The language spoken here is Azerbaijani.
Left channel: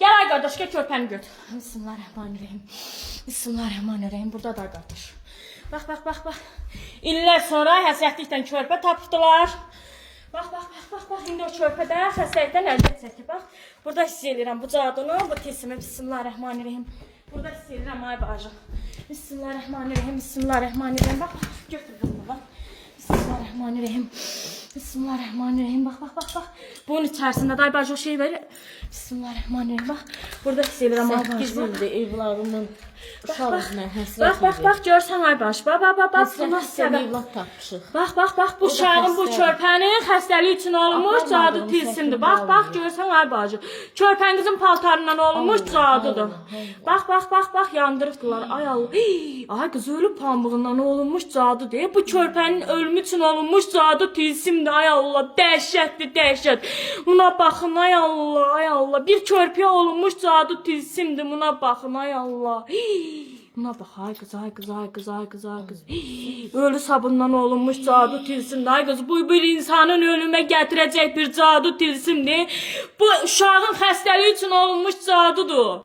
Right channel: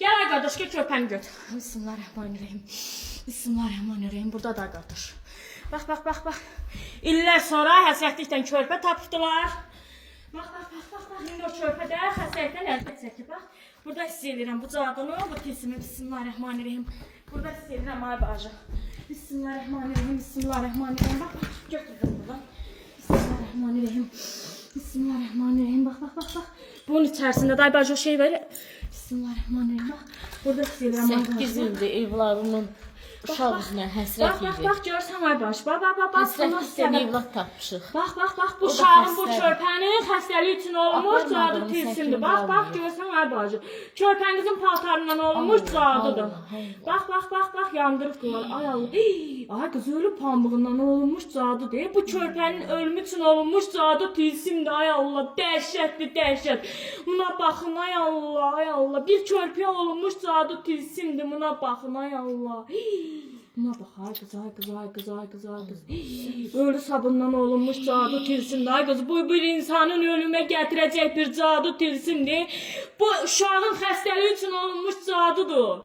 Gel ay qardaş, gel körpəni götür. Bismillahirrahmanirrahim. Bismillahirrahmanirrahim. Burada da qardaş. Bax. İllər sonra həsrətlikdən körpə tapdılar. Bax. İndi o körpə də xəstəlikdən əziyyət çəkir. Bax, burada hiss edirəm bu cadını, bu tilsimi. Bismillahirrahmanirrahim. Burada hiss edirəm ay bacı. Bismillahirrahmanirrahim. Bax, götürürüm buradan. Bismillahirrahmanirrahim. Bax. Bunun içərisində day bacı o şey var. Bismillahirrahmanirrahim. Bax, burada hiss edirəm ay bacı. 8 ildir evladımın uşaq üzünə həsrət edir. Bax, görsən ay baş. Bax. Həsrət istəyən evlad tapmışıq. Bax, bu uşağın, bu körpənin xəstəliyi üçün olmuş cadı tilsimdir. Bax, görsən ay bacı. Körpənizin paltarından olmuş cadıdır. Bax, yandırıbdılar. Ay Allah. Ay qız ölüb pambığından olmuş cadıdır. Bu körpənin ölümü üçün olmuş cadı tilsimdir. Ay Allah, dəhşət. Buna baxın ay Allah. Bir körpəyə olmuş cadı tilsimdir. Buna baxın ay Allah. Buna bax, ay qız. Ölü sabundan olunmuş cadı tilsimdir. Ay qız, bu bir insanın ölümə gətirəcək bir cadı tilsimdir. Bu uşağın xəstəliyi üçün olunmuş cadıdır.